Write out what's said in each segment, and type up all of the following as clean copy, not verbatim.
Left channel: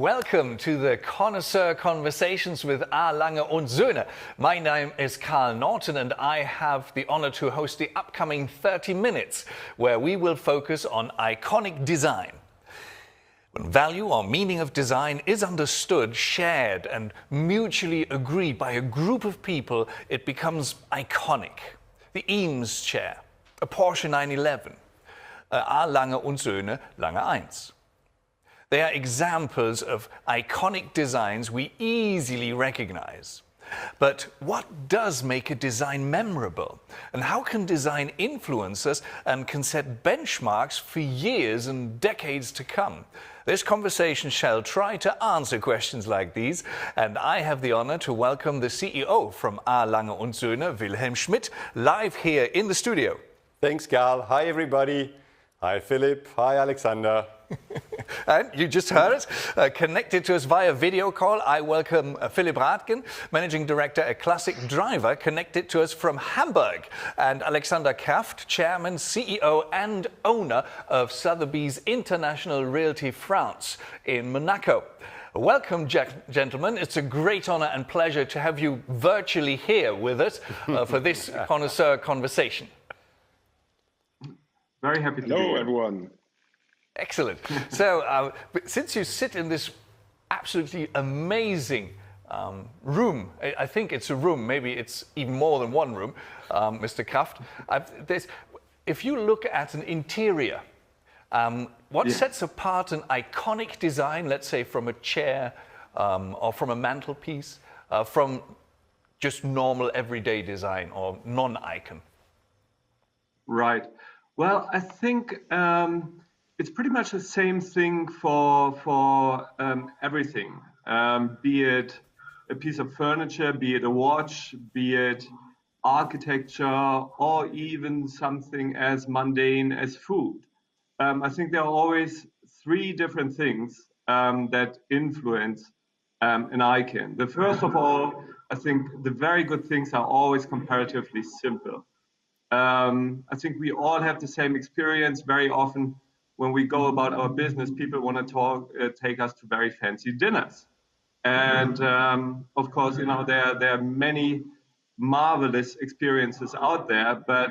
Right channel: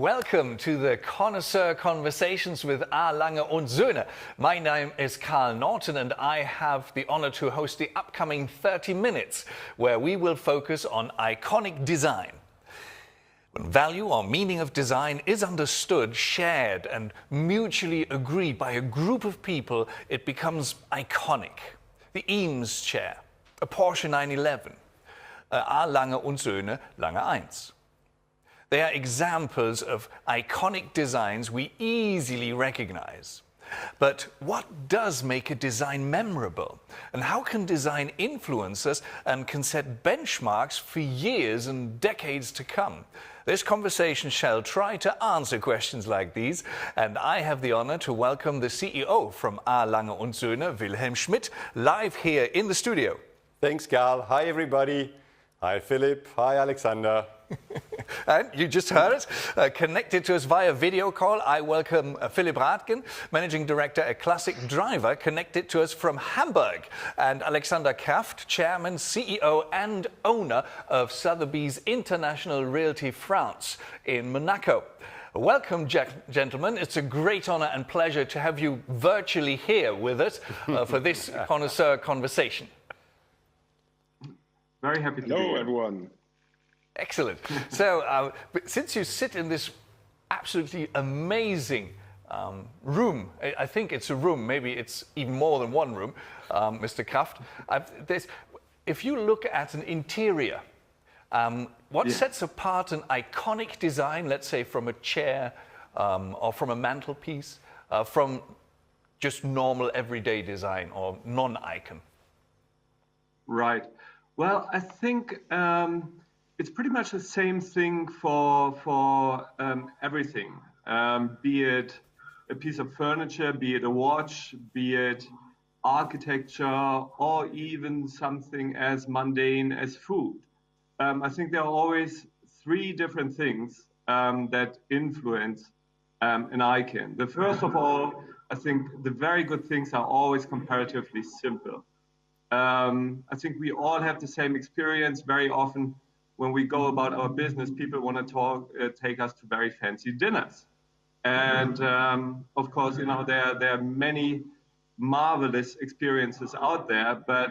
Welcome to the Connoisseur Conversations with A. Lange und Söhne. My name is Carl Norton and I have the honor to host the upcoming 30 minutes where we will focus on iconic design. When value or meaning of design is understood, shared and mutually agreed by a group of people, it becomes iconic. The Eames chair, a Porsche 911, A. Lange und Söhne, Lange 1. They are examples of iconic designs we easily recognize. But what does make a design memorable? And how can design influence us and can set benchmarks for years and decades to come? This conversation shall try to answer questions like these, and I have the honor to welcome the CEO from A. Lange und Söhne, Wilhelm Schmidt, live here in the studio. Thanks, Carl. Hi, everybody. Hi, Philip. Hi, Alexander. And you just heard us, connected to us via video call. I welcome Philipp Rathgen, Managing Director at Classic Driver, connected to us from Hamburg, and Alexander Kraft, Chairman, CEO and owner of Sotheby's International Realty France in Monaco. Welcome, gentlemen. It's a great honor and pleasure to have you virtually here with us for this Connoisseur Conversation. Very happy to be here. Hello, everyone. Excellent. So, since you sit in this absolutely amazing room, I think it's a room, maybe it's even more than one room, Mr. Kraft. If you look at an interior, what sets apart an iconic design, let's say from a chair or from a mantelpiece, from just normal everyday design or non-icon? Right. Well, I think it's pretty much the same thing for everything, be it a piece of furniture, be it a watch, be it architecture, or even something as mundane as food. I think there are always three different things that influence an icon. The first of all, I think the very good things are always comparatively simple. I think we all have the same experience. Very often when we go about our business, people want to take us to very fancy dinners. And of course, you know, there are many marvelous experiences out there, but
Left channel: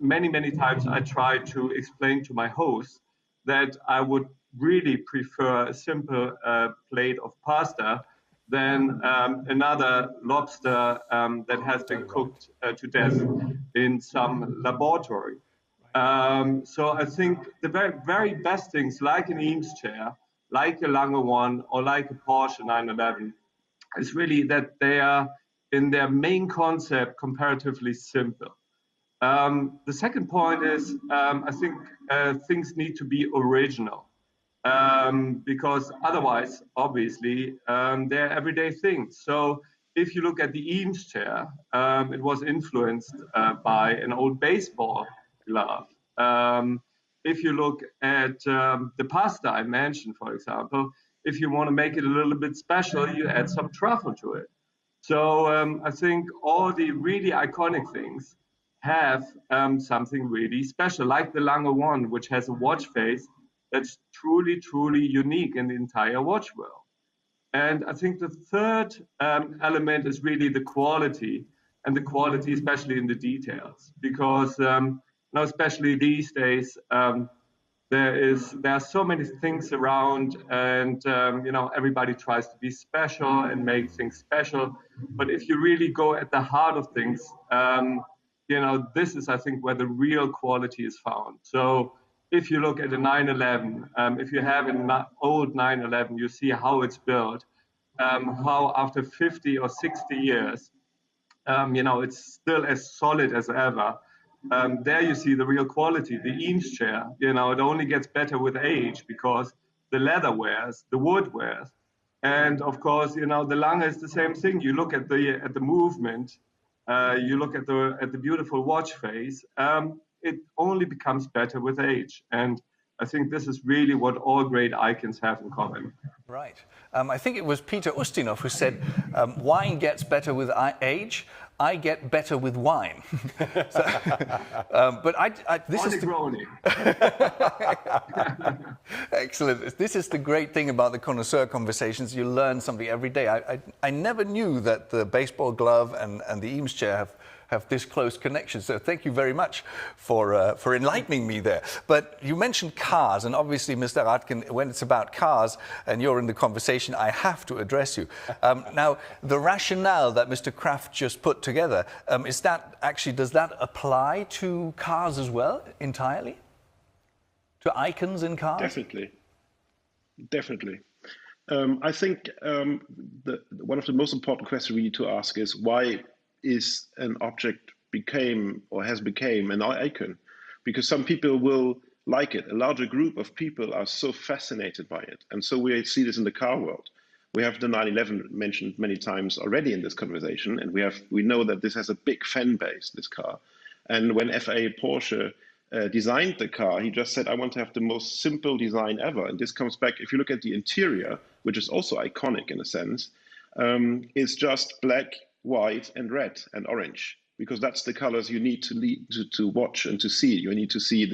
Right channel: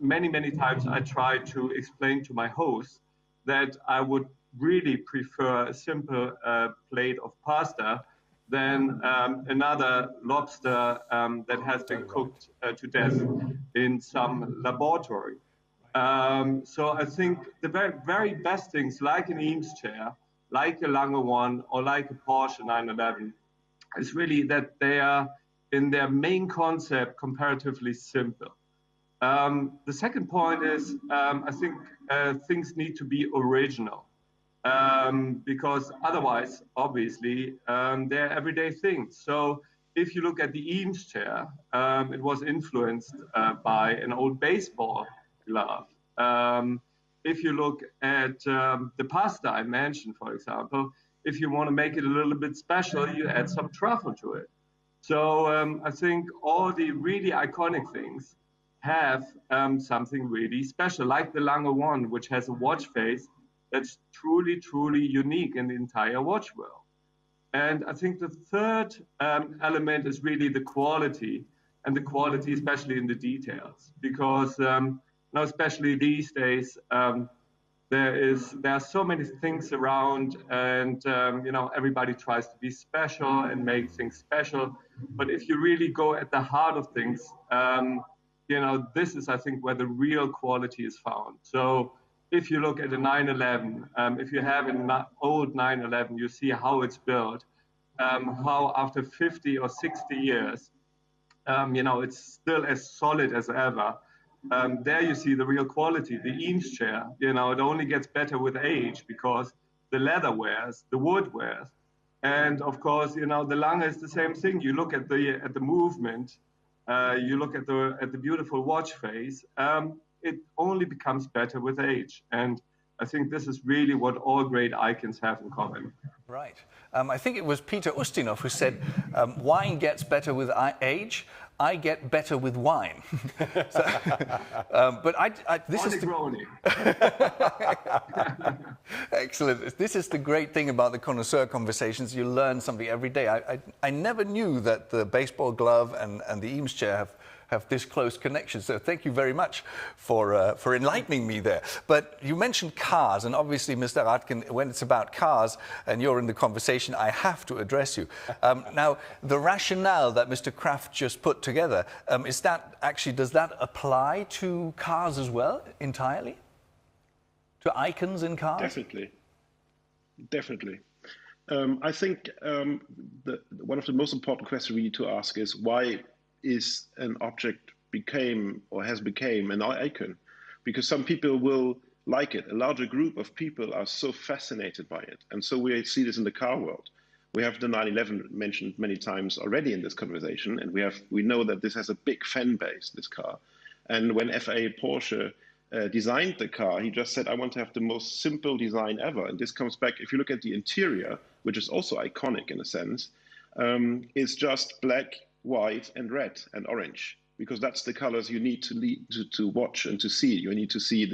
many times I try to explain to my hosts that I would really prefer a simple plate of pasta than another lobster that has been cooked to death in some laboratory. So I think the very best things, like an Eames chair, like a Lange one, or like a Porsche 911, is really that they are, in their main concept, comparatively simple. The second point is, I think things need to be original. Because otherwise, obviously, they're everyday things. So if you look at the Eames chair, it was influenced by an old baseball glove. If you look at the pasta I mentioned, for example, if you want to make it a little bit special, you add some truffle to it. So I think all the really iconic things have something really special, like the Lange one, which has a watch face that's truly unique in the entire watch world. And I think the third element is really the quality, and the quality especially in the details, because now especially these days there are so many things around, and you know, everybody tries to be special and make things special. But if you really go at the heart of things, you know, this is, I think, where the real quality is found. So if you look at a 911, if you have an old 911, you see how it's built, how after 50 or 60 years, you know, it's still as solid as ever. There you see the real quality. The Eames chair, you know, it only gets better with age because the leather wears, the wood wears. And of course, you know, the Lange is the same thing. You look at the movement, you look at the beautiful watch face, it only becomes better with age. And I think this is really what all great icons have in common. Right. I think it was Peter Ustinov who said, wine gets better with age. I get better with wine. So, but this is excellent. This is the great thing about the Connoisseur Conversations. You learn something every day. I never knew that the baseball glove and the Eames chair have this close connection. So thank you very much for enlightening me there. But you mentioned cars, and obviously, Mr. Radken, when it's about cars and you're in the conversation, I have to address you. Now, the rationale that Mr. Kraft just put together, does that apply to cars as well, entirely? To icons in cars? Definitely. I think one of the most important questions we need to ask is why is an object has become an icon? Because some people will like it. A larger group of people are so fascinated by it. And so we see this in the car world. We have the 911 mentioned many times already in this conversation, and we know that this has a big fan base, this car. And when FA Porsche designed the car, he just said, I want to have the most simple design ever. And this comes back, if you look at the interior, which is also iconic in a sense, it's just black, white and red and orange, because that's the colors you need to watch and to see. You need to see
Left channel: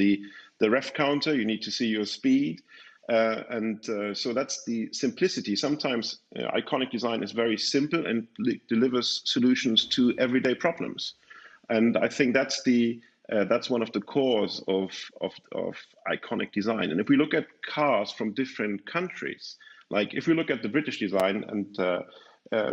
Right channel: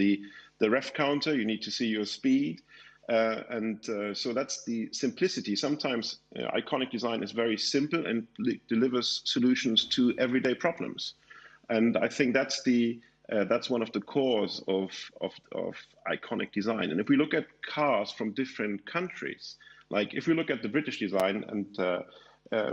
the ref counter, you need to see your speed, so that's the simplicity. Sometimes iconic design is very simple and delivers solutions to everyday problems, and I think that's one of the cores of iconic design. And if we look at cars from different countries, like if we look at the British design, and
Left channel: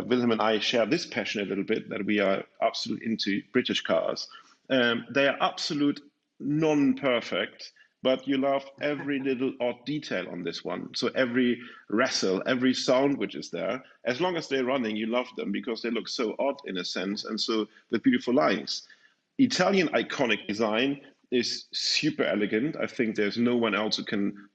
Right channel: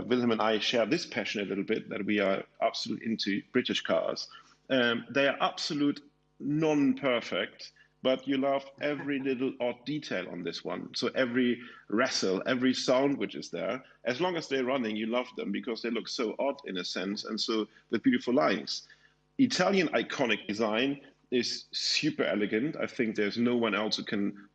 Wilhelm and I share this passion a little bit, that we are absolute into British cars. They are absolute non-perfect, but you love every little odd detail on this one. So every wrestle, every sound which is there, as long as they're running, you love them because they look so odd in a sense, and so with beautiful lines. Italian iconic design is super elegant. I think there's no one else who can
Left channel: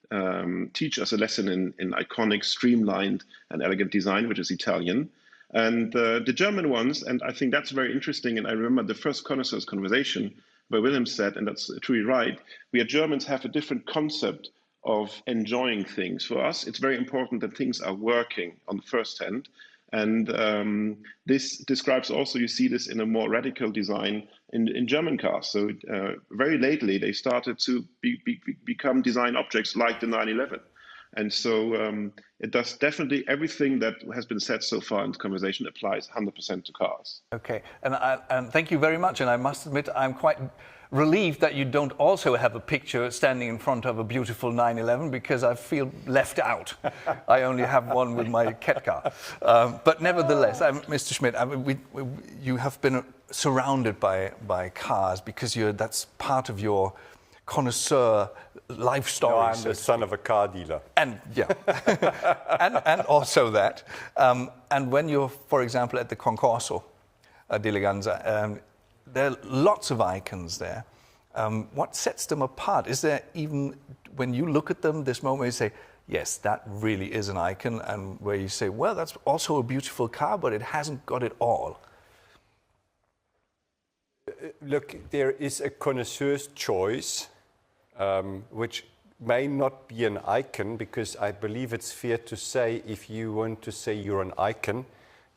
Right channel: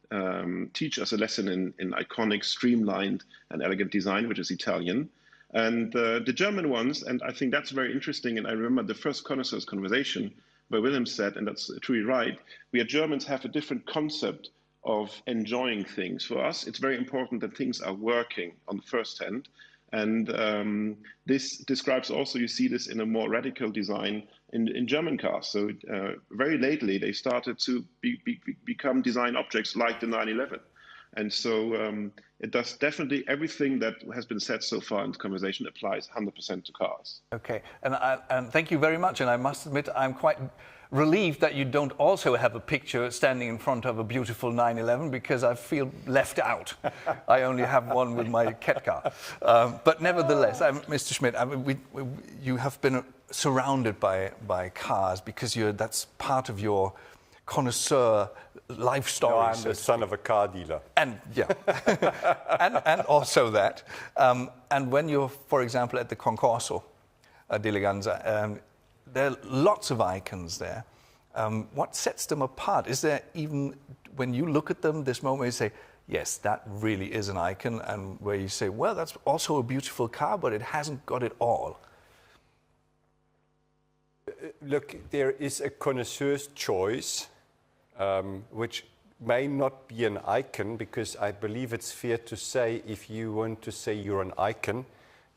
teach us a lesson in iconic, streamlined, and elegant design, which is Italian. And the German ones, and I think that's very interesting, and I remember the first Connoisseurs Conversation where Wilhelm said, and that's truly right, we as Germans have a different concept of enjoying things. For us, it's very important that things are working on the first hand. And this describes also, you see this in a more radical design in German cars. So very lately, they started to become design objects like the 911. And so it does definitely everything that has been said so far in the conversation applies 100% to cars. Okay, and thank you very much. And I must admit, I'm quite relieved that you don't also have a picture standing in front of a beautiful 911, because I feel left out. I only have one with my cat car. But nevertheless, Mr. Schmidt, you have been surrounded by cars because that's part of your connoisseur life story. No, I'm the son of a car dealer. And yeah, and also that. And when you're, for example, at the Concorso d'Eleganza, there are lots of icons there. What sets them apart? Is there even, when you look at them, this moment you say, yes, that really is an icon, and where you say, well, that's also a beautiful car, but it hasn't got it all? Look, there is a connoisseur's choice, which may not be an icon, because I believe it's fair to say if you want to say you're an icon,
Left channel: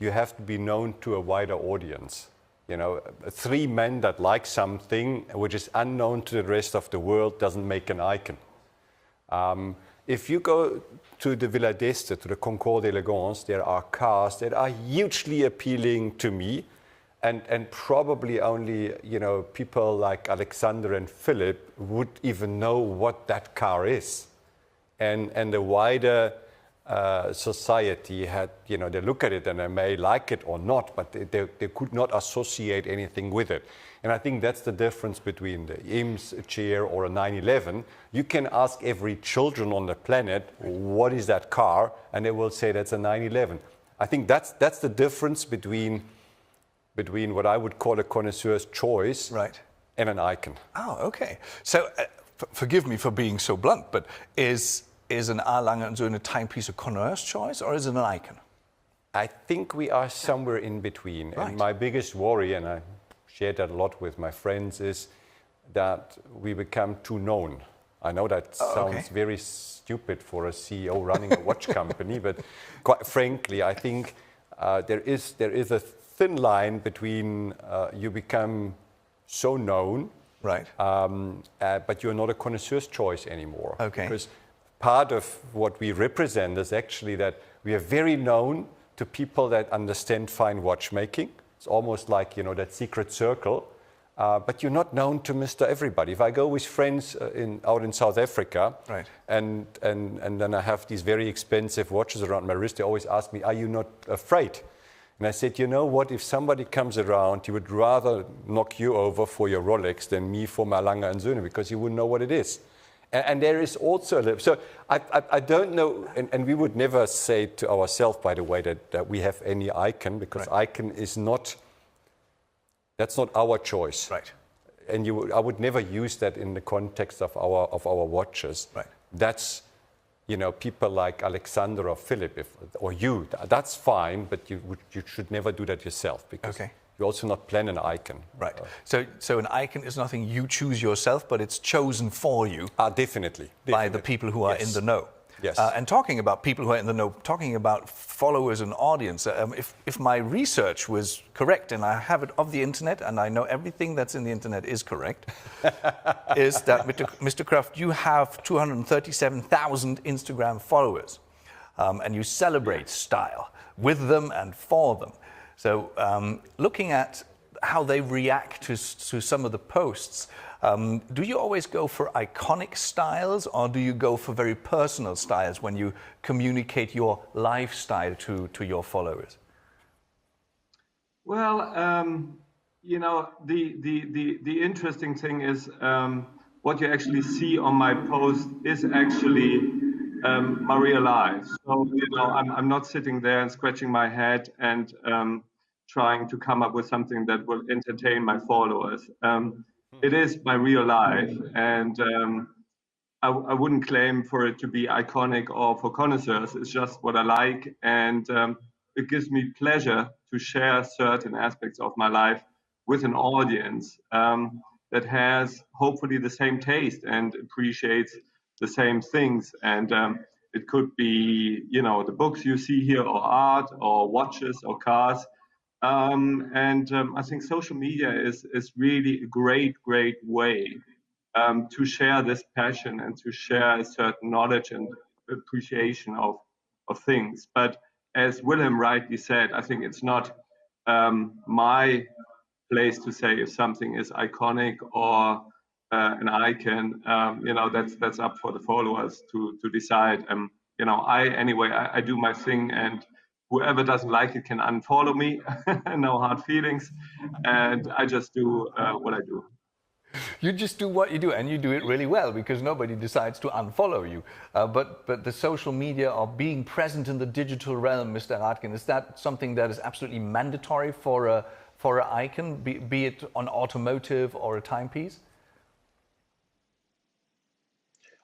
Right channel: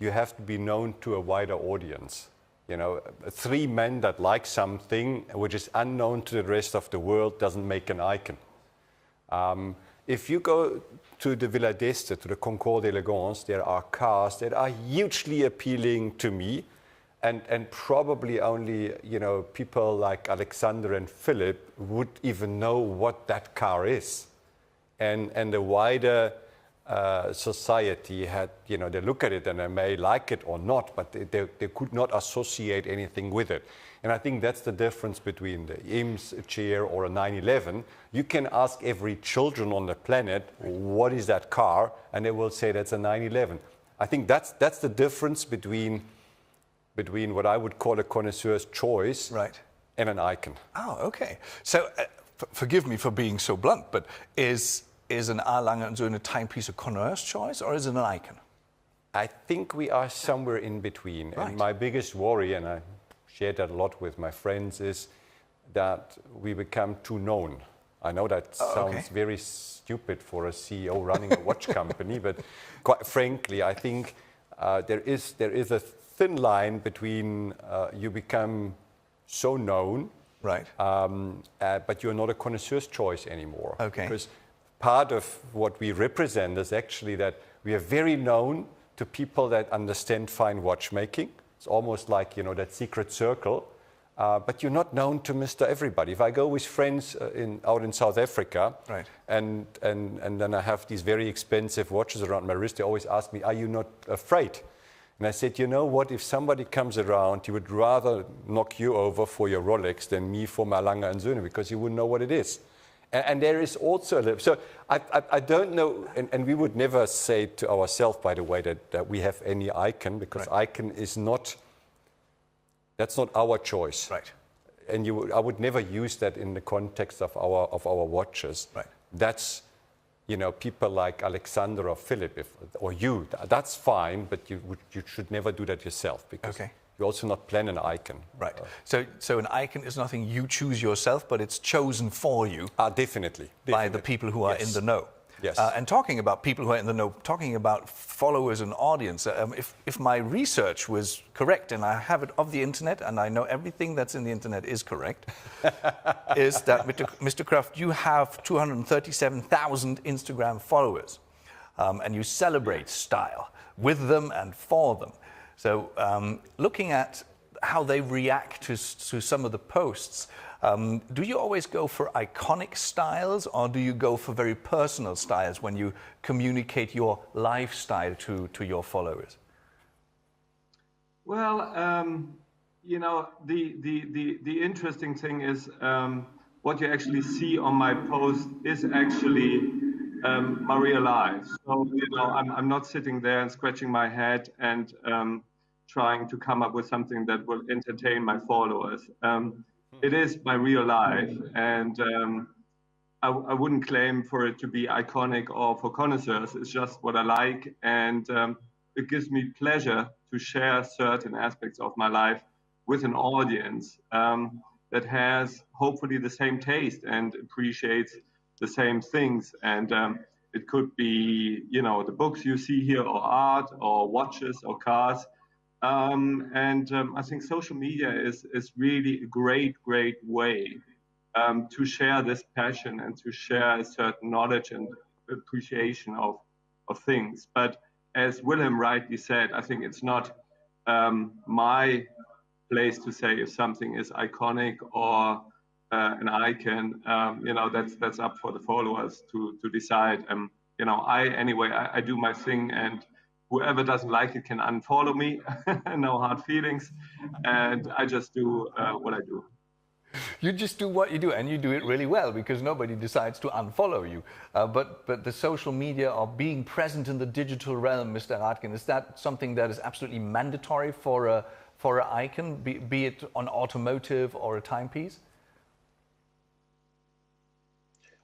you have to be known to a wider audience. You know, 3 men that like something which is unknown to the rest of the world doesn't make an icon. If you go to the Villa d'Este, to the Concours d'Elegance, there are cars that are hugely appealing to me, and probably only, people like Alexander and Philip would even know what that car is. And the wider society had, they look at it and they may like it or not, but they could not associate anything with it. And I think that's the difference between the Eames chair or a 911. You can ask every children on the planet, what is that car? And they will say that's a 911. I think that's the difference between what I would call a connoisseur's choice, right, and an icon. Oh, okay. So forgive me for being so blunt, but is an A. Lange & Söhne timepiece a connoisseur's choice, or is it an icon? I think we are somewhere in between. Right. And my biggest worry, and I share that a lot with my friends, is that we become too known. I know that sounds very stupid for a CEO running a watch company, but quite frankly, I think there is a thin line between you become so known, Right. but you're not a connoisseur's choice anymore. Okay. Because part of what we represent is actually that we are very known to people that understand fine watchmaking. It's almost like, that secret circle. But you're not known to Mr. Everybody. If I go with friends out in South Africa, right, and then I have these very expensive watches around my wrist, they always ask me, are you not afraid? And I said, you know what, if somebody comes around, he would rather knock you over for your Rolex than me for my Lange & Söhne, because he wouldn't know what it is. And there is also, so I don't know, and we would never say to ourselves, by the way, that we have any icon, because icon is not, that's not our choice. Right. And I would never use that in the context of our watches. Right. That's, people like Alexander or Philip, or you, that's fine, but you should never do that yourself, because you also not plan an icon. Right. So an icon is nothing you choose yourself, but it's chosen for you. Definitely. By the people who are in the know. Yes. And talking about people who are in the know, talking about followers and audience, if my research was correct, and I have it of the internet, and I know everything that's in the internet is correct, is that, Mr. Kraft, you have 237,000 Instagram followers, and you celebrate style with them and for them. So looking at how they react to some of the posts, do you always go for iconic styles, or do you go for very personal styles when you communicate your lifestyle to your followers? Well, the interesting thing is what you actually see on my post is actually my real life. So, I'm not sitting there and scratching my head and trying to come up with something that will entertain my followers. It is my real life, and I wouldn't claim for it to be iconic or for connoisseurs. It's just what I like, and it gives me pleasure to share certain aspects of my life with an audience that has hopefully the same taste and appreciates the same things. And it could be, the books you see here, or art, or watches, or cars. I think social media is really a great way to share this passion and to share a certain knowledge and appreciation of things. But as Willem rightly said, I think it's not my place to say if something is iconic or an icon. That's up for the followers to decide. I do my thing, and whoever doesn't like it can unfollow me. No hard feelings. And I just do what I do. You just do what you do, and you do it really well, because nobody decides to unfollow you. But the social media, or being present in the digital realm, Mr. Radkin, is that something that is absolutely mandatory for an icon, be it on automotive or a timepiece?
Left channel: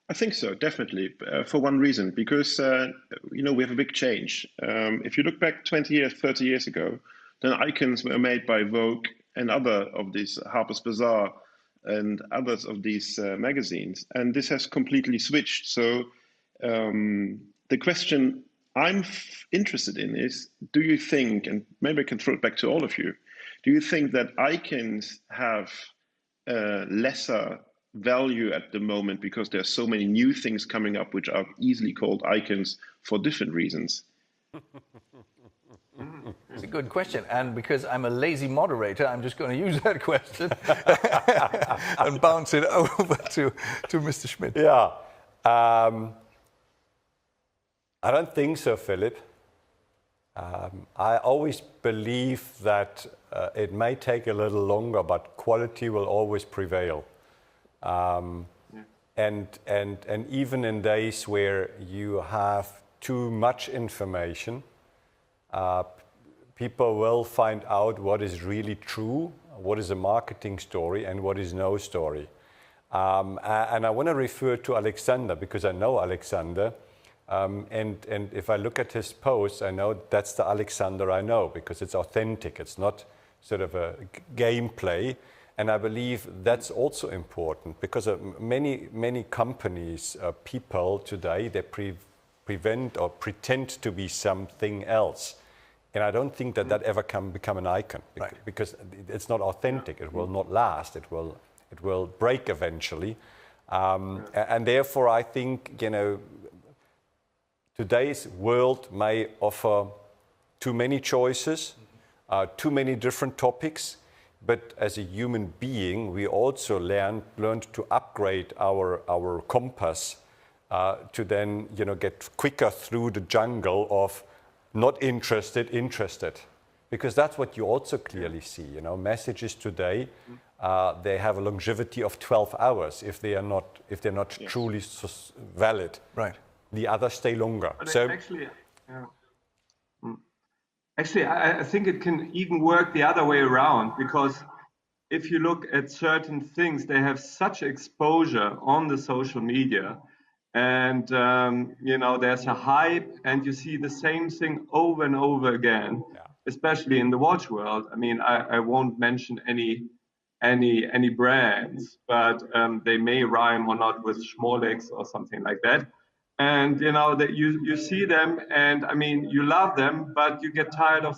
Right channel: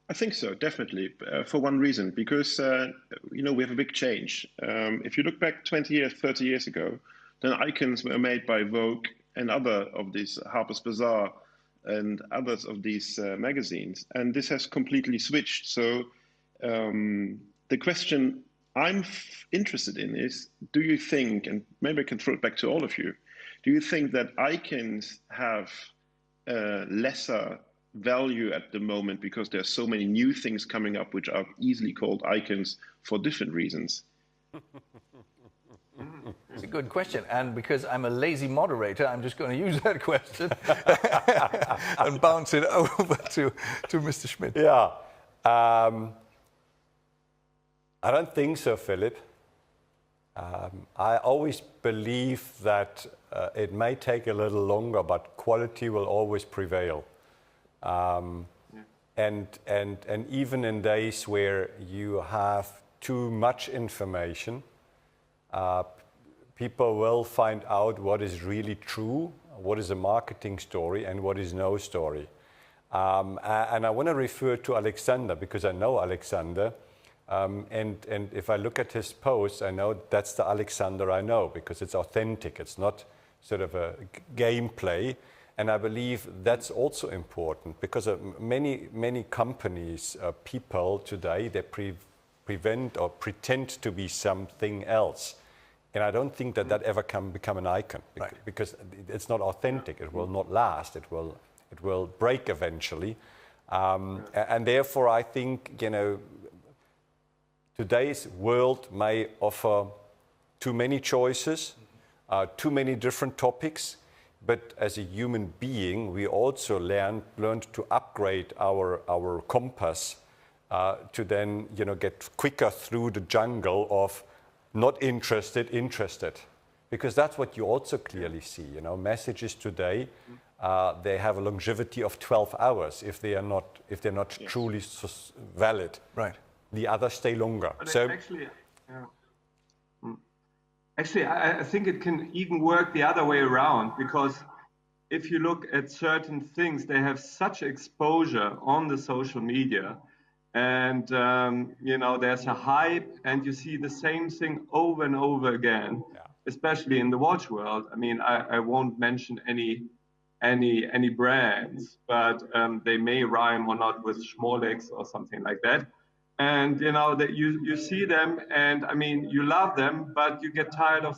I think so, definitely, for one reason, because, we have a big change. If you look back 20 years, 30 years ago, then icons were made by Vogue and other of these, Harper's Bazaar and others of these magazines. And this has completely switched. So the question I'm interested in is, do you think, and maybe I can throw it back to all of you, do you think that icons have lesser value at the moment because there's so many new things coming up which are easily called icons for different reasons? It's a good question, and because I'm a lazy moderator, I'm just going to use that question and bounce it over to Mr. Schmidt. Yeah, I don't think so, Philip. I always believe that it may take a little longer, but quality will always prevail. And even in days where you have too much information, people will find out what is really true, what is a marketing story, and what is no story. And I want to refer to Alexander, because I know Alexander. And if I look at his posts, I know that's the Alexander I know, because it's authentic. It's not sort of a gameplay. And I believe that's also important, because many companies, people today, they prevent or pretend to be something else. And I don't think that ever can become an icon, because it's not authentic. It will not last. It will break eventually. And therefore, I think, today's world may offer too many choices, too many different topics. But as a human being, we also learned to upgrade our compass to then, get quicker through the jungle of not interested. Because that's what you also clearly see. Messages today, they have a longevity of 12 hours if they're not truly valid. Right. The others stay longer. But So actually, I think it can even work the other way around, because if you look at certain things, they have such exposure on the social media, and there's a hype, and you see the same thing over and over again, especially in the watch world. I mean, I won't mention any brands, but they may rhyme or not with Schmolex or something like that. And that you see them, and I mean, you love them, but you get tired of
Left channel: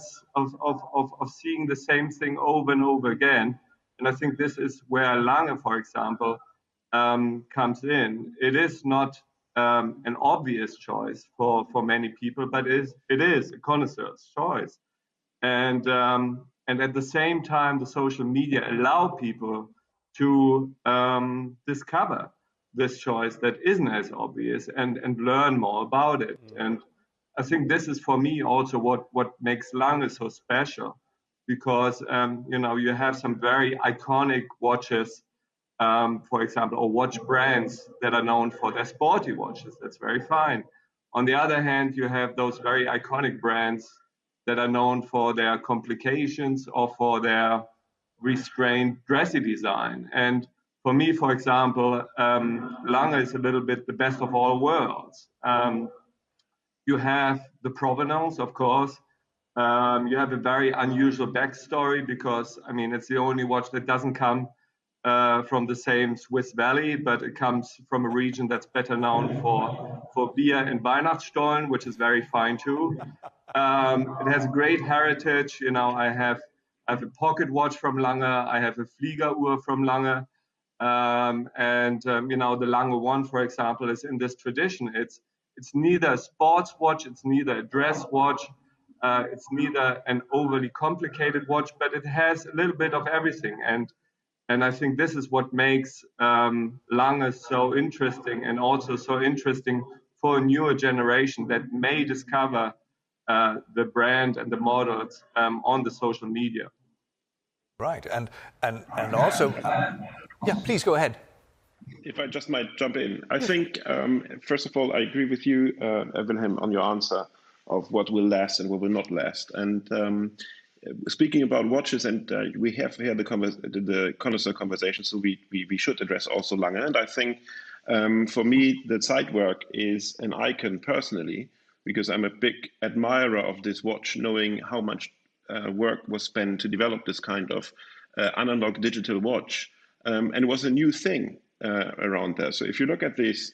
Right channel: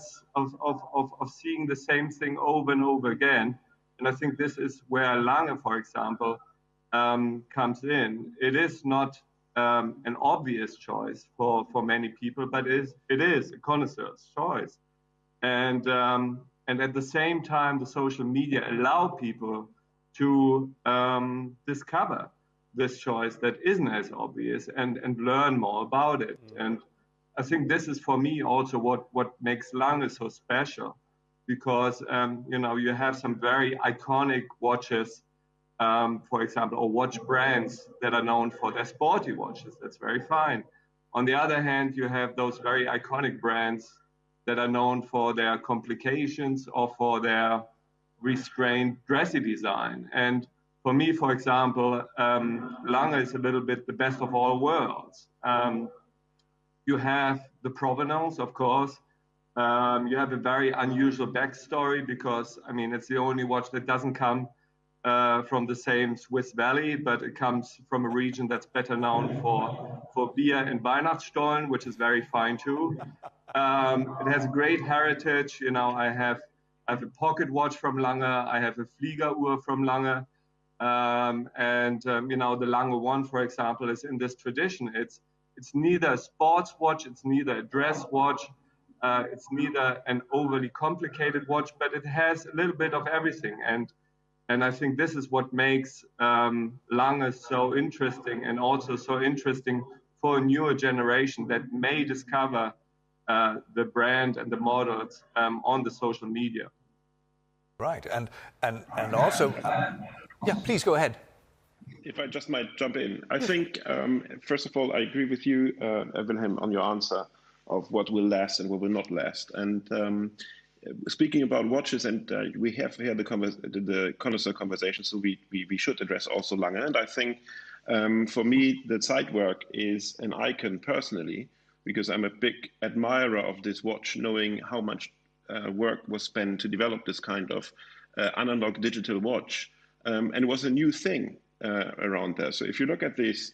seeing the same thing over and over again. And I think this is where Lange, for example, comes in. It is not an obvious choice for many people, but it is a connoisseur's choice. And at the same time, the social media allow people to discover this choice that isn't as obvious and learn more about it. And I think this is, for me, also what makes Lange so special, because you have some very iconic watches, for example, or watch brands that are known for their sporty watches. That's very fine. On the other hand, you have those very iconic brands that are known for their complications or for their restrained, dressy design. And for me, for example, Lange is a little bit the best of all worlds. You have the provenance, of course. You have a very unusual backstory, because, I mean, it's the only watch that doesn't come from the same Swiss Valley, but it comes from a region that's better known for beer and Weihnachtsstollen, which is very fine too. It has great heritage. I have a pocket watch from Lange. I have a Fliegeruhr from Lange. The Lange One, for example, is in this tradition. It's neither a sports watch, it's neither a dress watch, it's neither an overly complicated watch, but it has a little bit of everything. And I think this is what makes Lange so interesting, and also so interesting for a newer generation that may discover the brand and the models on the social media. Right, and also, yeah, please go ahead. If I just might jump in, I think, first of all, I agree with you, Wilhelm, on your answer of what will last and what will not last. And speaking about watches, and we have here the Connoisseur Conversations, so we should address also Lange. And I think, for me, the Zeitwerk is an icon personally, because I'm a big admirer of this watch, knowing how much work was spent to develop this kind of analog digital watch. And it was a new thing around there. So if you look at this,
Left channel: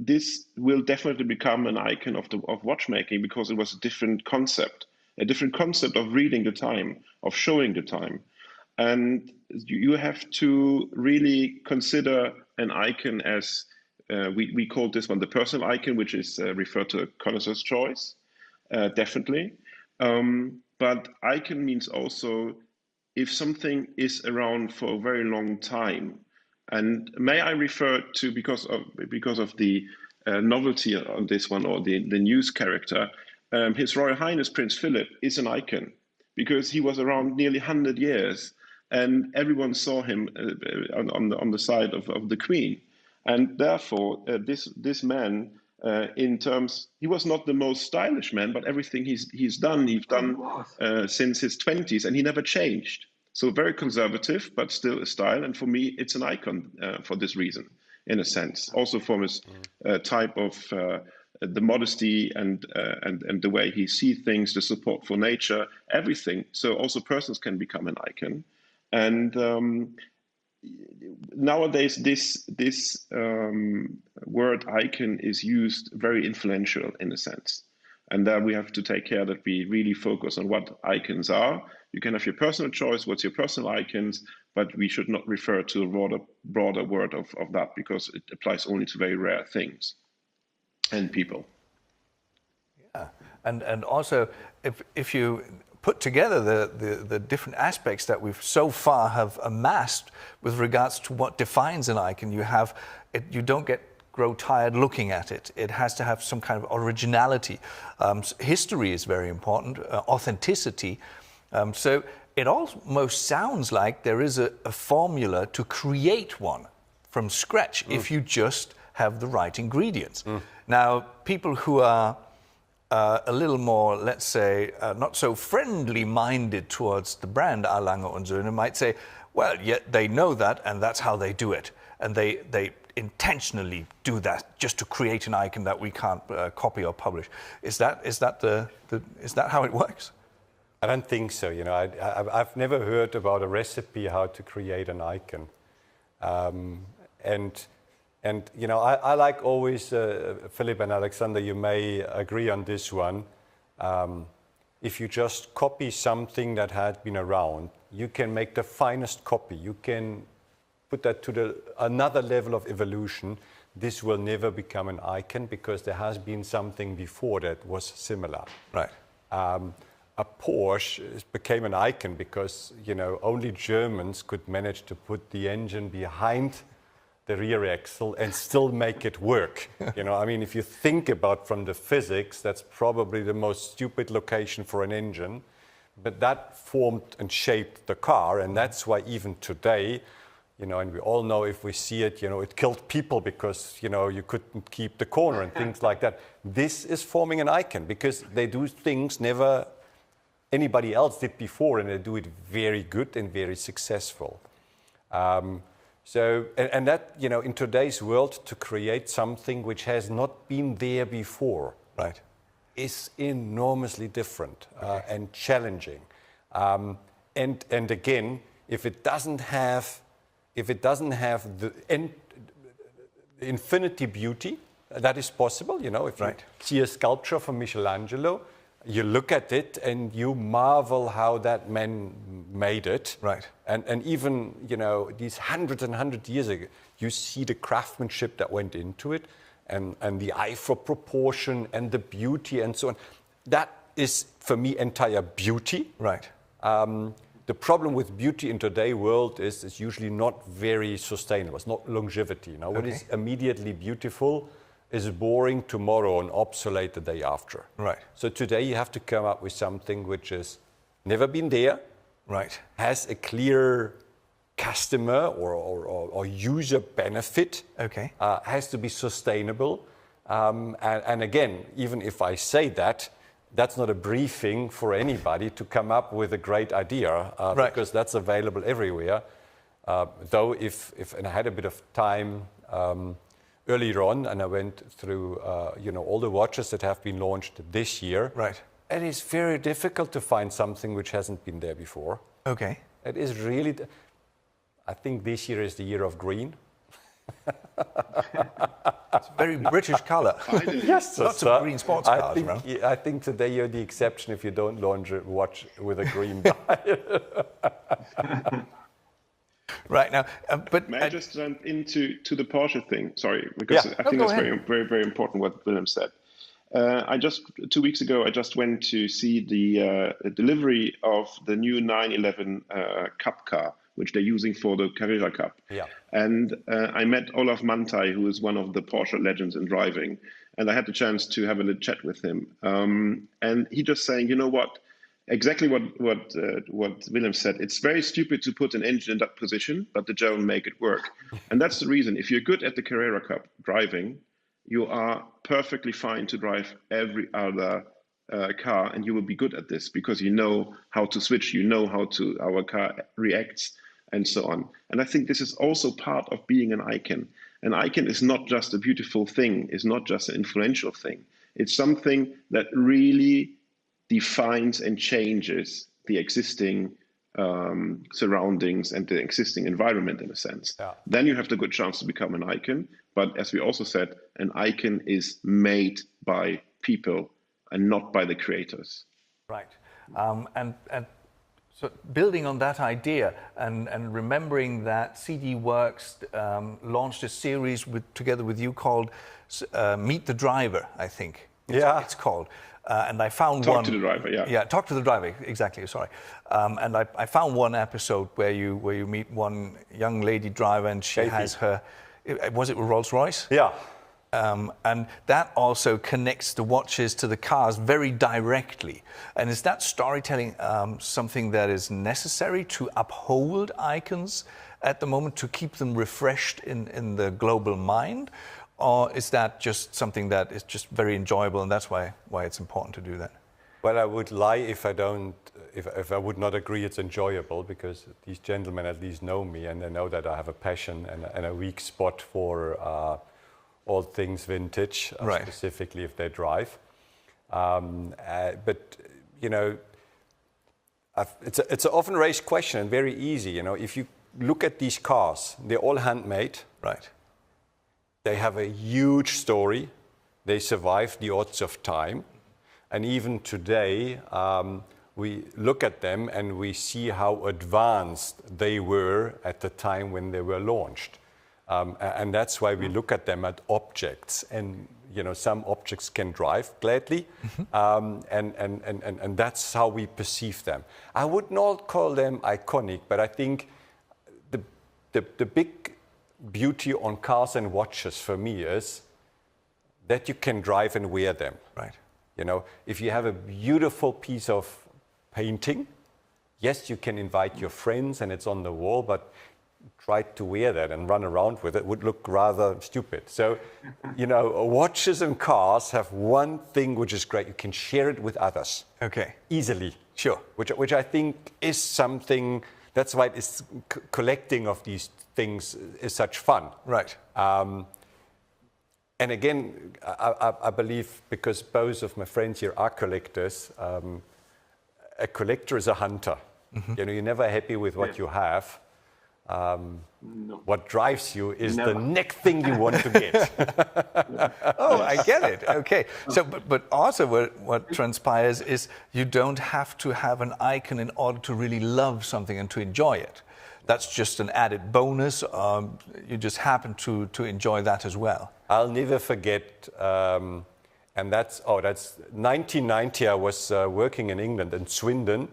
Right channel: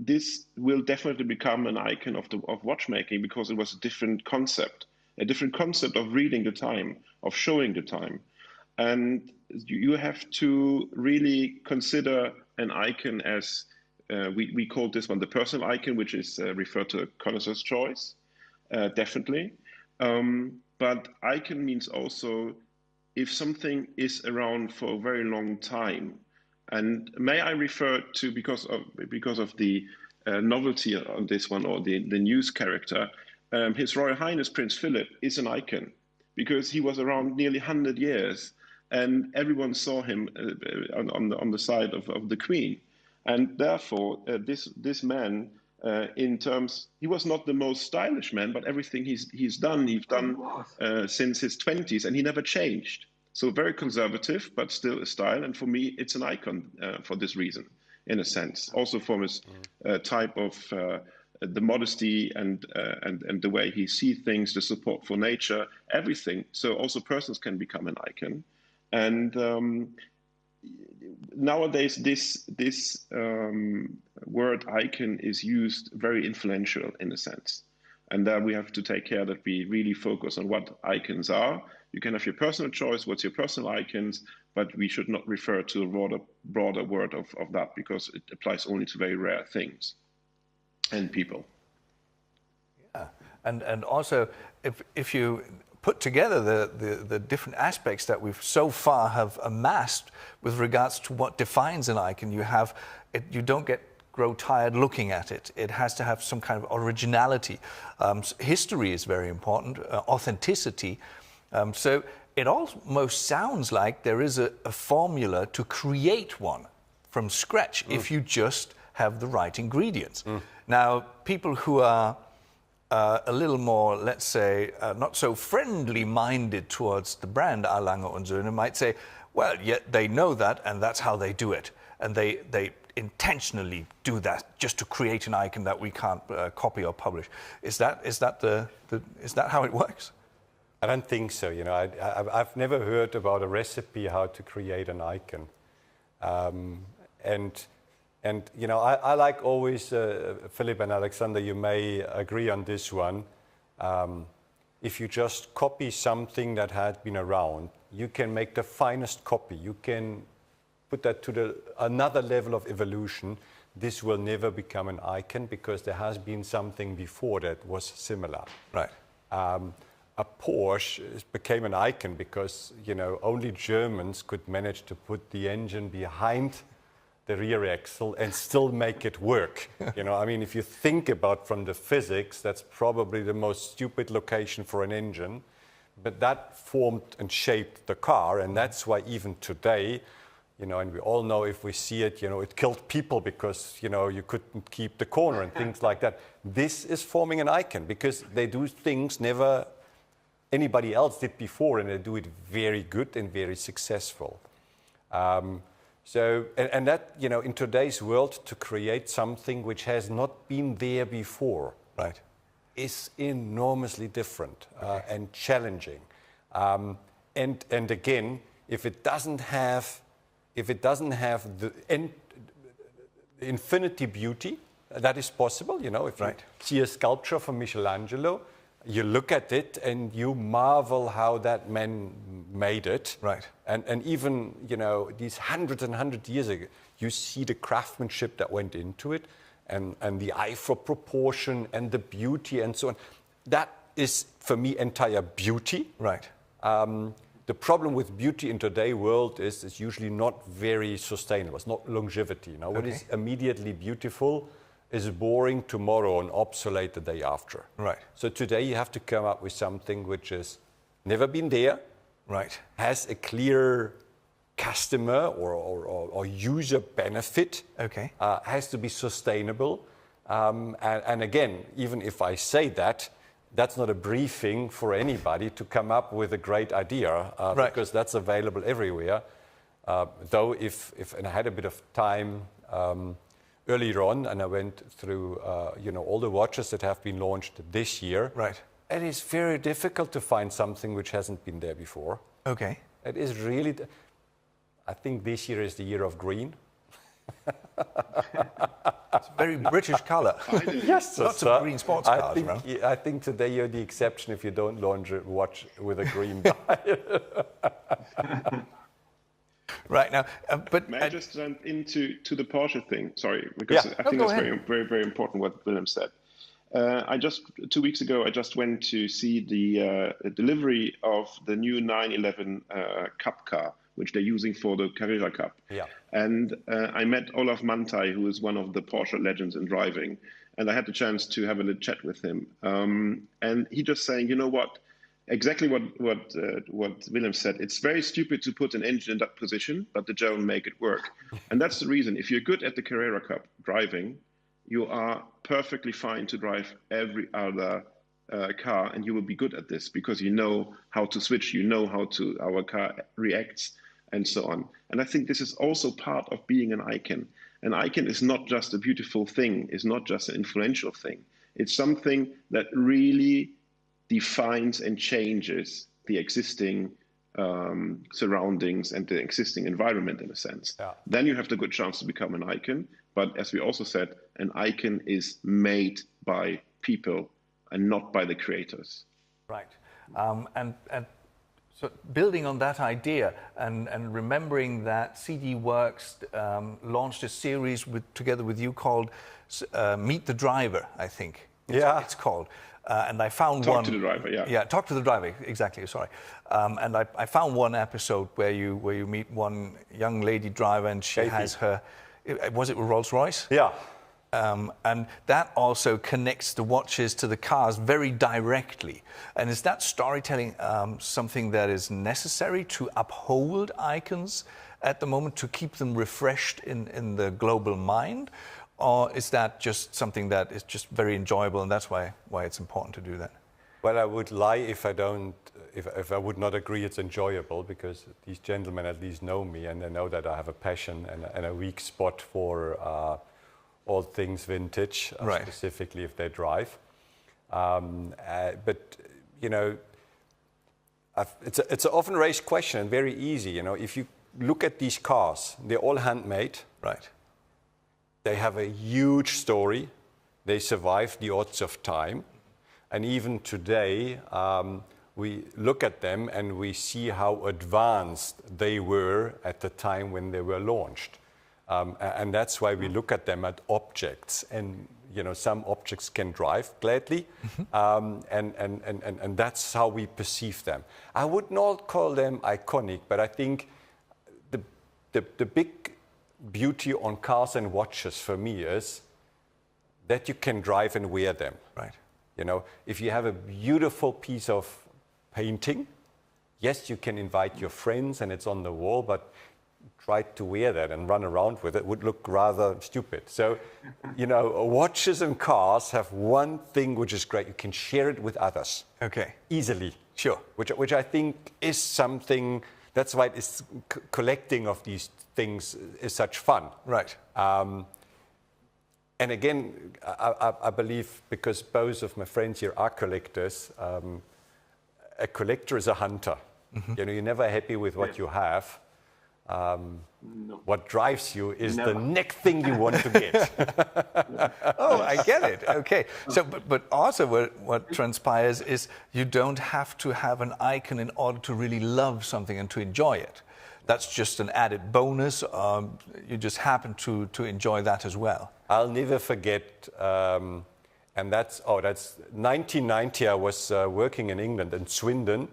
this will definitely become an icon of watchmaking, because it was a different concept of reading the time, of showing the time. And you have to really consider an icon as, we call this one the personal icon, which is referred to a connoisseur's choice, definitely. But icon means also if something is around for a very long time. And may I refer to, because of the novelty on this one, or the news character, His Royal Highness Prince Philip is an icon, because he was around nearly 100 years, and everyone saw him on the side of the Queen. And therefore, this man, in terms, he was not the most stylish man, but everything he's done since his 20s, and he never changed. So very conservative, but still a style. And for me, it's an icon for this reason, in a sense. Also from his type of the modesty and the way he sees things, the support for nature, everything. So also persons can become an icon. And nowadays, this word icon is used very influential in a sense. And there we have to take care that we really focus on what icons are. You can have your personal choice, what's your personal icons, but we should not refer to a broader word of that, because it applies only to very rare things and people. Yeah, and also if you put together the different aspects that we've so far have amassed with regards to what defines an icon, you don't grow tired looking at it. It has to have some kind of originality. History is very important, authenticity. So it almost sounds like there is a formula to create one from scratch if you just have the right ingredients. Now, people who are a little more, let's say, not so friendly-minded towards the brand A. Lange und Söhne might say, well, yet they know that, and that's how they do it. And they intentionally do that just to create an icon that we can't copy or publish. Is that how it works? I don't think so. You know, I've never heard about a recipe how to create an icon, and you know, I like always, Philip and Alexander, you may agree on this one. If you just copy something that had been around, you can make the finest copy. You can put that to another level of evolution. This will never become an icon because there has been something before that was similar. Right. A Porsche became an icon because, you know, only Germans could manage to put the engine behind the rear axle and still make it work. You know, I mean, if you think about from the physics, that's probably the most stupid location for an engine, but that formed and shaped the car, and that's why even today, you know, and we all know if we see it, you know, it killed people because, you know, you couldn't keep the corner and things like that. This is forming an icon because they do things never anybody else did before, and they do it very good and very successful. So that, you know, in today's world, to create something which has not been there before, right, is enormously different and challenging. And again, if it doesn't have the infinity beauty, that is possible. You know, if you see a sculpture from Michelangelo, you look at it and you marvel how that man made it. Right. And even, you know, these hundreds and hundreds of years ago, you see the craftsmanship that went into it and the eye for proportion and the beauty and so on. That is, for me, entire beauty. Right. The problem with beauty in today's world is it's usually not very sustainable. It's not longevity. You know, what is immediately beautiful is boring tomorrow and obsolete the day after. Right. So today you have to come up with something which has never been there, right, has a clear customer or user benefit, has to be sustainable. And again, even if I say that, that's not a briefing for anybody to come up with a great idea, because that's available everywhere. Though if and I had a bit of time earlier on, and I went through, you know, all the watches that have been launched this year. Right. And it's very difficult to find something which hasn't been there before. Okay. It is really, I think this year is the year of green. It's a very British colour. Yes, lots of green sports cars around. I think today you're the exception if you don't launch a watch with a green dial. Right now, but may I just jump into the Porsche thing? Sorry, because I think it's very, very, very important what Willem said. 2 weeks ago, I just went to see the delivery of the new 911 Cup car, which they're using for the Carrera Cup. Yeah. And I met Olaf Mantai, who is one of the Porsche legends in driving, and I had the chance to have a little chat with him. And he just saying, you know what? Exactly what Willem said. It's very stupid to put an engine in that position, but the German make it work. And that's the reason. If you're good at the Carrera Cup driving, you are perfectly fine to drive every other car, and you will be good at this because you know how to switch, you know how our car reacts, and so on. And I think this is also part of being an icon. An icon is not just a beautiful thing, it's not just an influential thing. It's something that really defines and changes the existing surroundings and the existing environment in a sense. Yeah. Then you have the good chance to become an icon. But as we also said, an icon is made by people and not by the creators. Right. And so building on that idea and remembering that CD Works launched a series together with you called Meet the Driver, I think. It's called. And I found Talk to the driver, yeah. Yeah, Talk to the Driver, exactly, sorry. And I found one episode where you meet one young lady driver and she has her, was it Rolls Royce? Yeah. And that also connects the watches to the cars very directly. And is that storytelling something that is necessary to uphold icons at the moment, to keep them refreshed in the global mind? Or is that just something that is just very enjoyable and that's why it's important to do that? Well, I would lie if I would not agree it's enjoyable, because these gentlemen at least know me and they know that I have a passion and a weak spot for all things vintage, right. Specifically if they drive. But, you know, it's an often raised question and very easy. You know, if you look at these cars, they're all handmade. Right. They have a huge story. They survive the odds of time. And even today, we look at them and we see how advanced they were at the time when they were launched. And that's why we look at them as objects. And, you know, some objects can drive gladly. And that's how we perceive them. I would not call them iconic, but I think the big beauty on cars and watches for me is that you can drive and wear them. Right. You know, if you have a beautiful piece of painting, yes, you can invite your friends and it's on the wall, but try to wear that and run around with it would look rather stupid. So, you know, watches and cars have one thing which is great. You can share it with others. Okay. Easily. Sure. Which I think is something, that's why it's collecting of these things is such fun. Right. And again, I believe, because both of my friends here are collectors, a collector is a hunter. You know, you're never happy with what you have. What drives you is the next thing you want to get. Oh, I get it. Okay. So, but also what transpires is you don't have to have an icon in order to really love something and to enjoy it. That's just an added bonus. You just happen to enjoy that as well. I'll never forget, and that's 1990. I was working in England, in Swindon,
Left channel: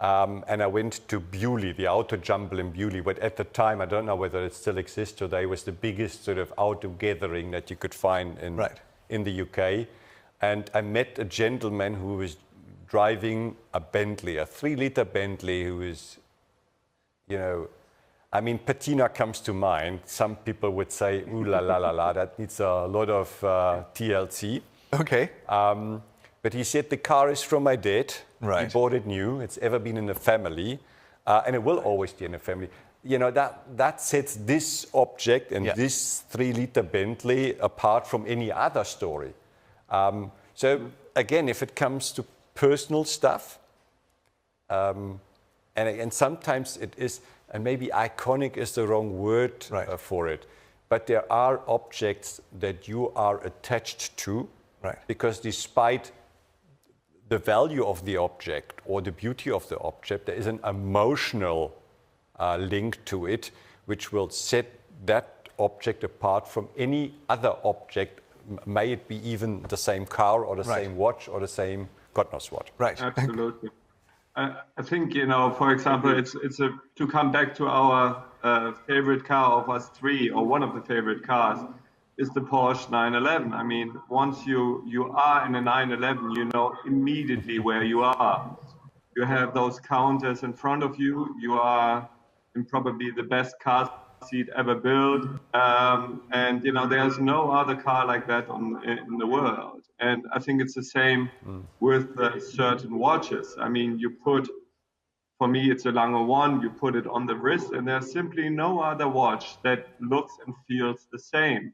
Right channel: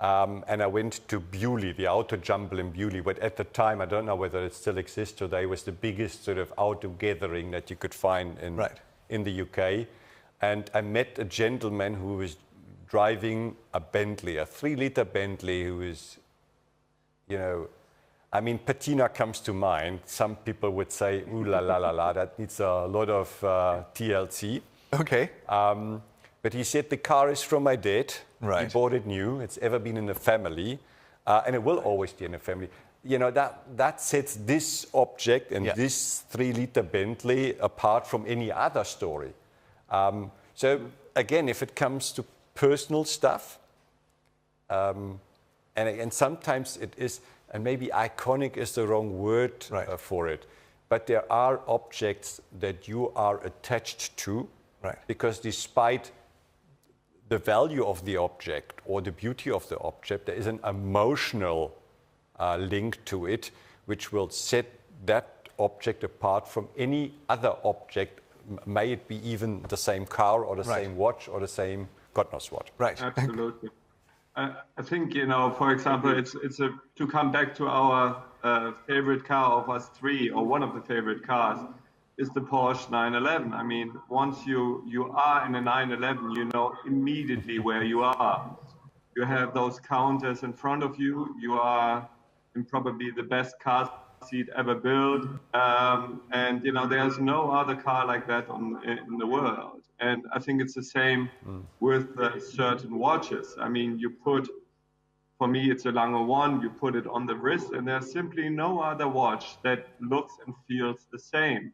and I went to Bewley, the auto jumble in Bewley. But at the time, I don't know whether it still exists today, was the biggest sort of auto gathering that you could find in the UK. And I met a gentleman who was driving a Bentley, a 3-liter Bentley, who was, you know, I mean, patina comes to mind. Some people would say, ooh la la la la, that needs a lot of TLC. Okay. But he said, the car is from my dad. Right. He bought it new. It's ever been in the family. And it will always be in the family. You know, that sets this object and this 3-liter Bentley apart from any other story. So again, if it comes to personal stuff, and sometimes it is, and maybe iconic is the wrong word for it, but there are objects that you are attached to, because despite the value of the object or the beauty of the object, there is an emotional link to it, which will set that object apart from any other object, may it be even the same car or the same watch or the same God knows what. Right. Absolutely. I think, you know, for example, it's to come back to our favorite car of us three, or one of the favorite cars, is the Porsche 911. I mean, once you are in a 911, you know immediately where you are. You have those counters in front of you. You are in probably the best car seat ever built. And, you know, there's no other car like that in the world. And I think it's the same with certain watches. I mean, for me, it's a Lange 1, you put it on the wrist, and there's simply no other watch that looks and feels the same.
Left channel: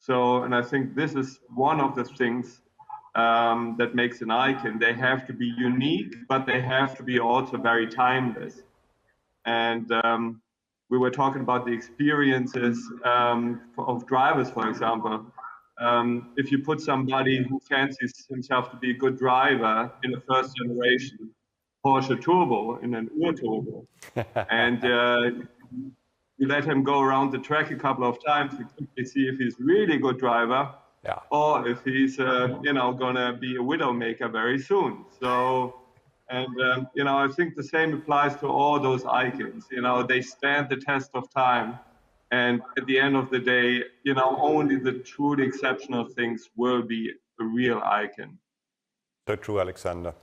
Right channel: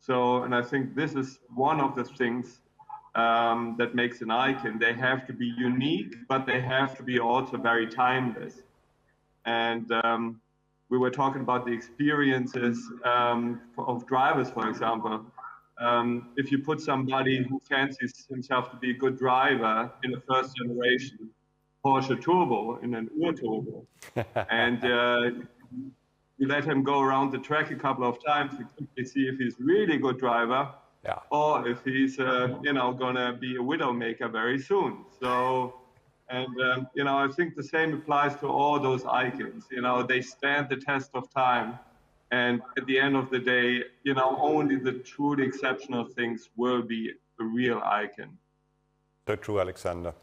So, and I think this is one of the things that makes an icon. They have to be unique, but they have to be also very timeless. And we were talking about the experiences of drivers, for example. if you put somebody who fancies himself to be a good driver in a first generation Porsche Turbo, in an Ur-Turbo, and you let him go around the track a couple of times to quickly see if he's really a good driver, or if he's, going to be a widowmaker very soon. So, and, I think the same applies to all those icons. They stand the test of time. And at the end of the day, only the truly exceptional things will be a real icon. So true, Alexander.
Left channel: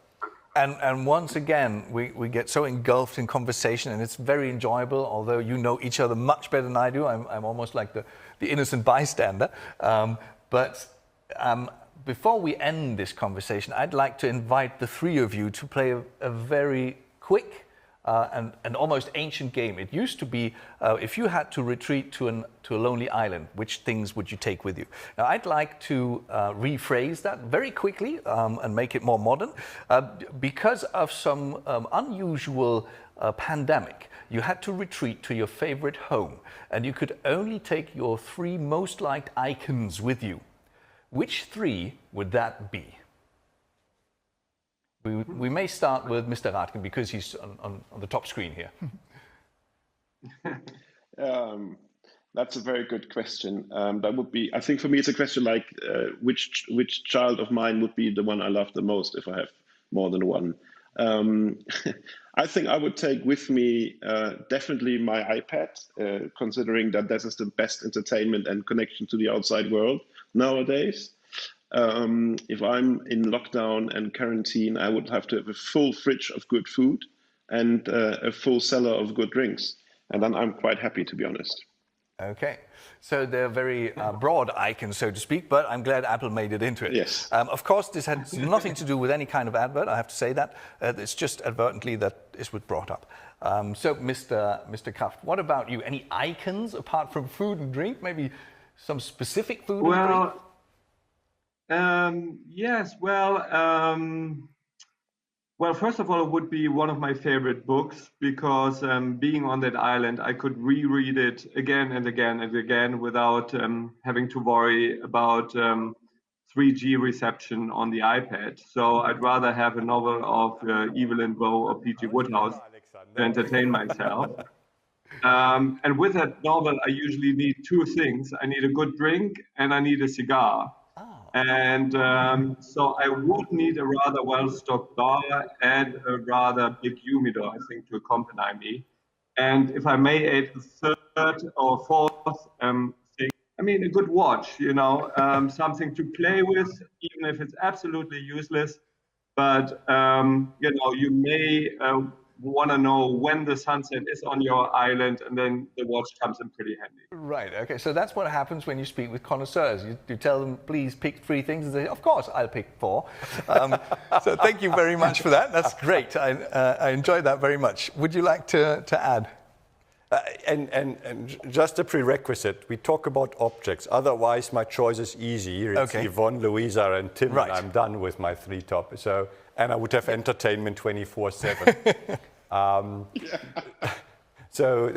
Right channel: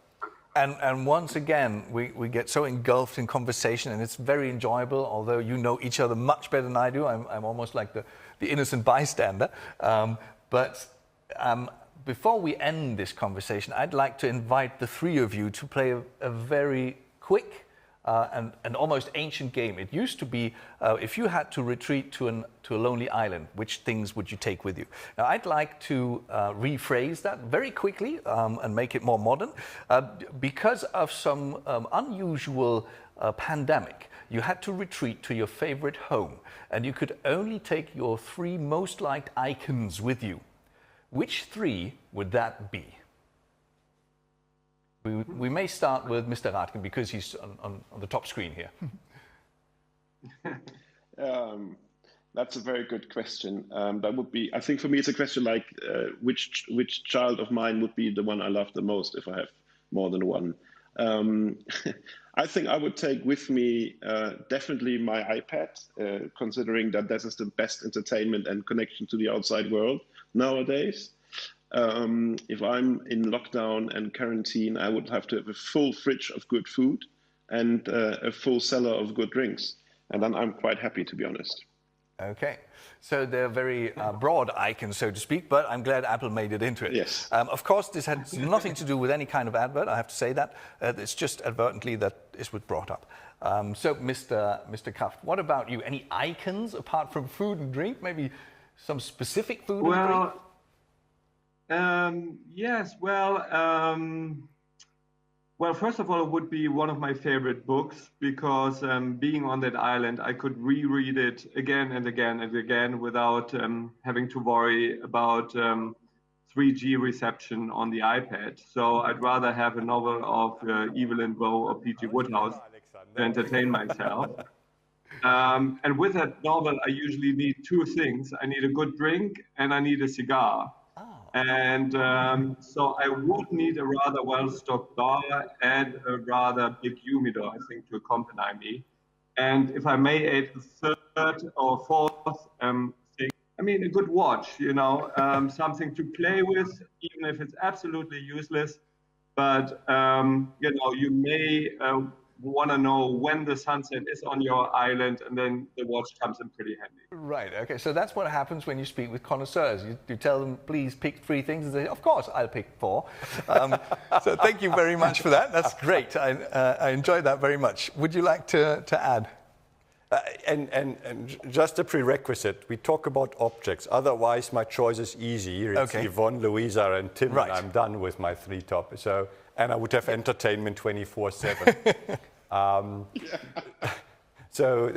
And once again, we get so engulfed in conversation, and it's very enjoyable, although you know each other much better than I do. I'm almost like the innocent bystander. But before we end this conversation, I'd like to invite the three of you to play a very quick and almost ancient game. It used to be, if you had to retreat to a lonely island, which things would you take with you? Now, I'd like to rephrase that very quickly and make it more modern. Because of some unusual pandemic, you had to retreat to your favorite home, and you could only take your three most liked icons with you. Which three would that be? We may start with Mr. Radken because he's on the top screen here. That's a very good question. That would be, I think for me, it's a question like which child of mine would be the one I love the most if I have more than one. I think I would take with me definitely my iPad, considering that this is the best entertainment and connection to the outside world nowadays. If I'm in lockdown and quarantine, I would have to have a full fridge of good food and a full cellar of good drinks. And then I'm quite happy, to be honest. Okay. So they're very broad icons, so to speak, but I'm glad Apple made it into it. Yes. Of course, this had nothing to do with any kind of advert, I have to say that. It's just advertently that this was brought up. So, Mr. Kraft, what about you? Any icons apart from food and drink? Maybe some specific food and drink? Yes, well, first of all, it would be one of my favorite books because being on that island, I could reread it again and again and again without having to worry about 3G reception on the iPad. So I'd rather have a novel of Evelyn Waugh or P.G. Wodehouse to entertain myself. And with that novel, I usually need two things. I need a good drink and I need a cigar. And so I would need a rather well-stocked bar and a rather big humidor, I think, to accompany me. And if I may add the third or fourth thing, I mean, a good watch, something to play with, even if it's absolutely useless. But, you may want to know when the sunset is on your island, and then the watch comes in pretty handy. Right, okay, so that's what happens when you speak with connoisseurs. You tell them, please pick three things, and they say, of course, I'll pick four. So thank you very much for that. That's great. I enjoyed that very much. Would you like to add? And just a prerequisite, we talk about objects. Otherwise, my choice is easy. It's Yvonne, Louisa, and Tim, and I'm done with my three topics. So, and I would have entertainment 24/7. So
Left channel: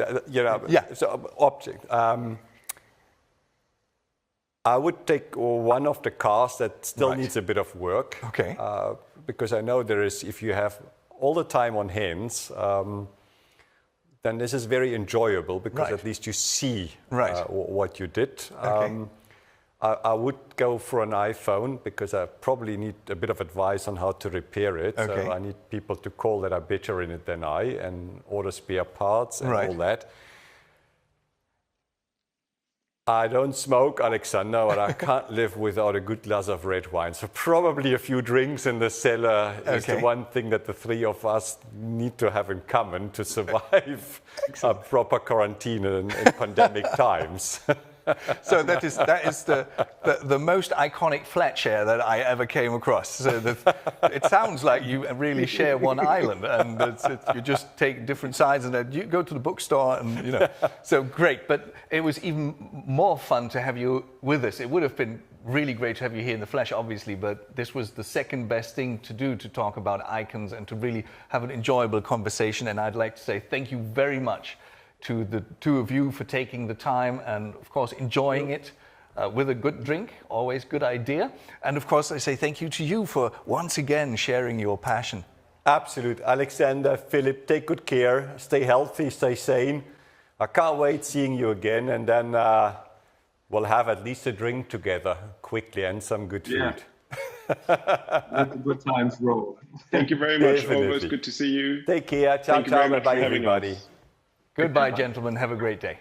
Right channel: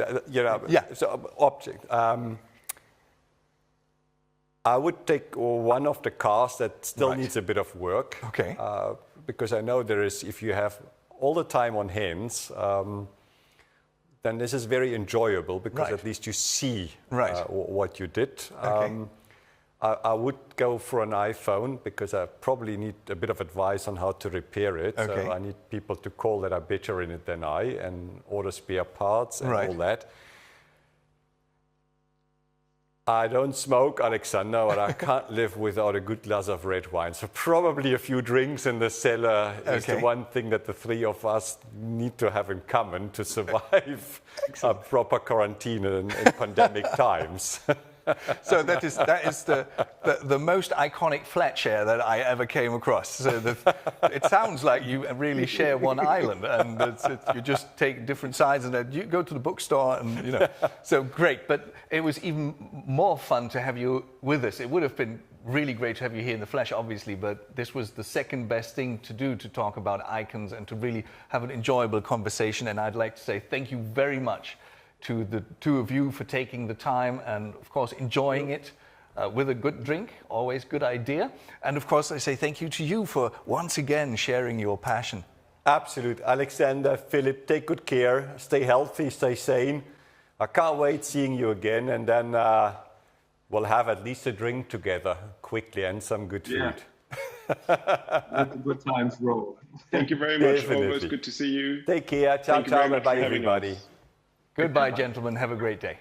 object. I would take one of the cars that still needs a bit of work. Okay. Because I know there is, if you have all the time on hands, then this is very enjoyable because at least you see what you did. Okay. I would go for an iPhone because I probably need a bit of advice on how to repair it. Okay. So I need people to call that are better in it than I and order spare parts and all that. I don't smoke, Alexander, but I can't live without a good glass of red wine. So probably a few drinks in the cellar is the one thing that the three of us need to have in common to survive a proper quarantine in pandemic times. So that is the most iconic flat share that I ever came across. So it sounds like you really share one island, and you just take different sides, and then you go to the bookstore, and So great, but it was even more fun to have you with us. It would have been really great to have you here in the flesh, obviously, but this was the second best thing to do, to talk about icons and to really have an enjoyable conversation. And I'd like to say thank you very much to the two of you for taking the time and, of course, enjoying it. with a good drink, always good idea. And of course, I say thank you to you for once again sharing your passion. Absolute. Alexander, Philip, take good care. Stay healthy, stay sane. I can't wait seeing you again. And then we'll have at least a drink together quickly and some good food. Let the good times roll. Thank you very much. Definitely. Always good to see you. Take care. Ciao, Thank you very ciao. much for Bye, having everybody. us. Goodbye, gentlemen. Have a great day.